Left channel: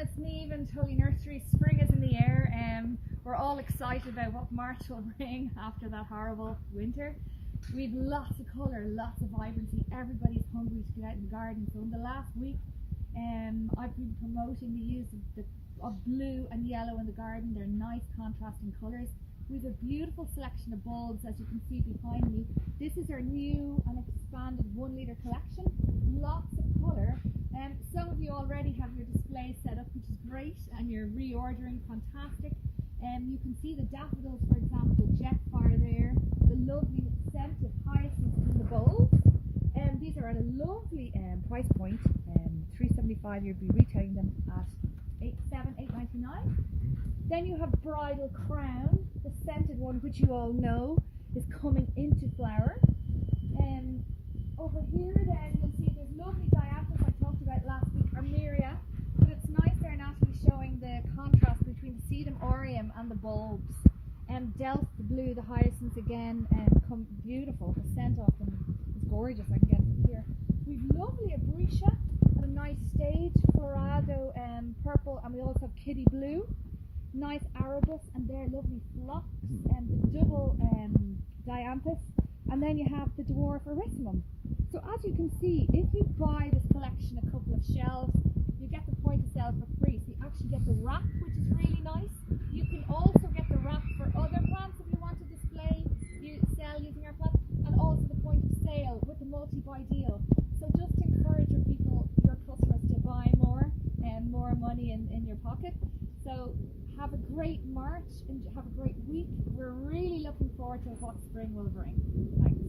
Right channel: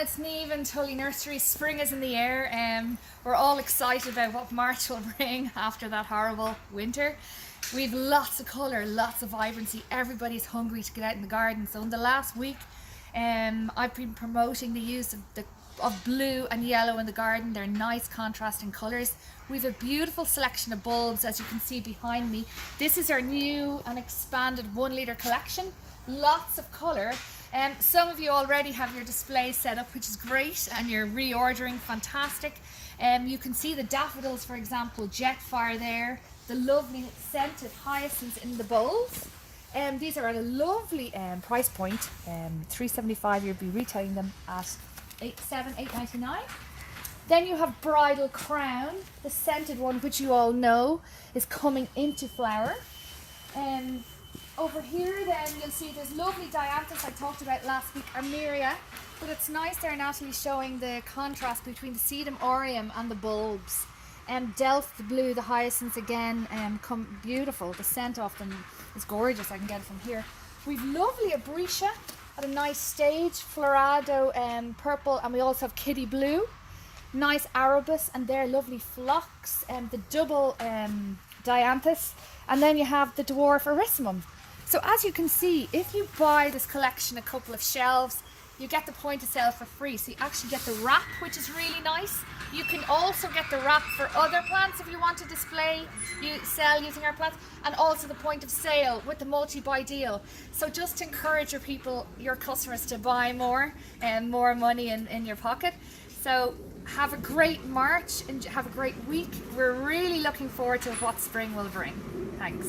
it's Neve and Tully Nursery. Spring is in the air and we're all excited about what March will bring after that horrible winter. We've lots of colour, lots of vibrancy. Everybody's hungry to get out in the garden. So in the last week I've been promoting the use of blue and yellow in the garden. They're nice contrasting colours. We've a beautiful selection of bulbs, as you can see behind me. This is our new and expanded 1 litre collection. Lots of colour. Some of you already have your displays set up, which is great, and you're reordering, fantastic. You can see the daffodils, for example, Jetfire there, the lovely scented hyacinths in the bowls. These are at a lovely price point, $3.75. You'll be retailing them at $8.99. Then you have Bridal Crown, the scented one, which you all know is coming into flower. Over here then you'll see there's lovely dianthus I talked about last week, Armeria, but it's nice there, Natalie, showing the contrast between the sedum aureum and the bulbs. Delft, the blue, the hyacinths again, come beautiful. The scent of them is gorgeous. I can get it from here. We've lovely Abretia at a nice stage, Florado purple, and we also have Kitty Blue. Nice arabus, and they're lovely phlox, and the double dianthus, and then you have the dwarf erissimum. So as you can see, if you buy this collection a couple of shelves, you get the point of sale for free. So you actually get the wrap, which is really nice. You can also get the wrap for other plants if you want to display, you sell using our plants, and also the point of sale with the multi-buy deal. So just to encourage your customers to buy more and more money in your pocket. So have a great March and have a great week. We're really looking forward to what spring will bring. Thanks.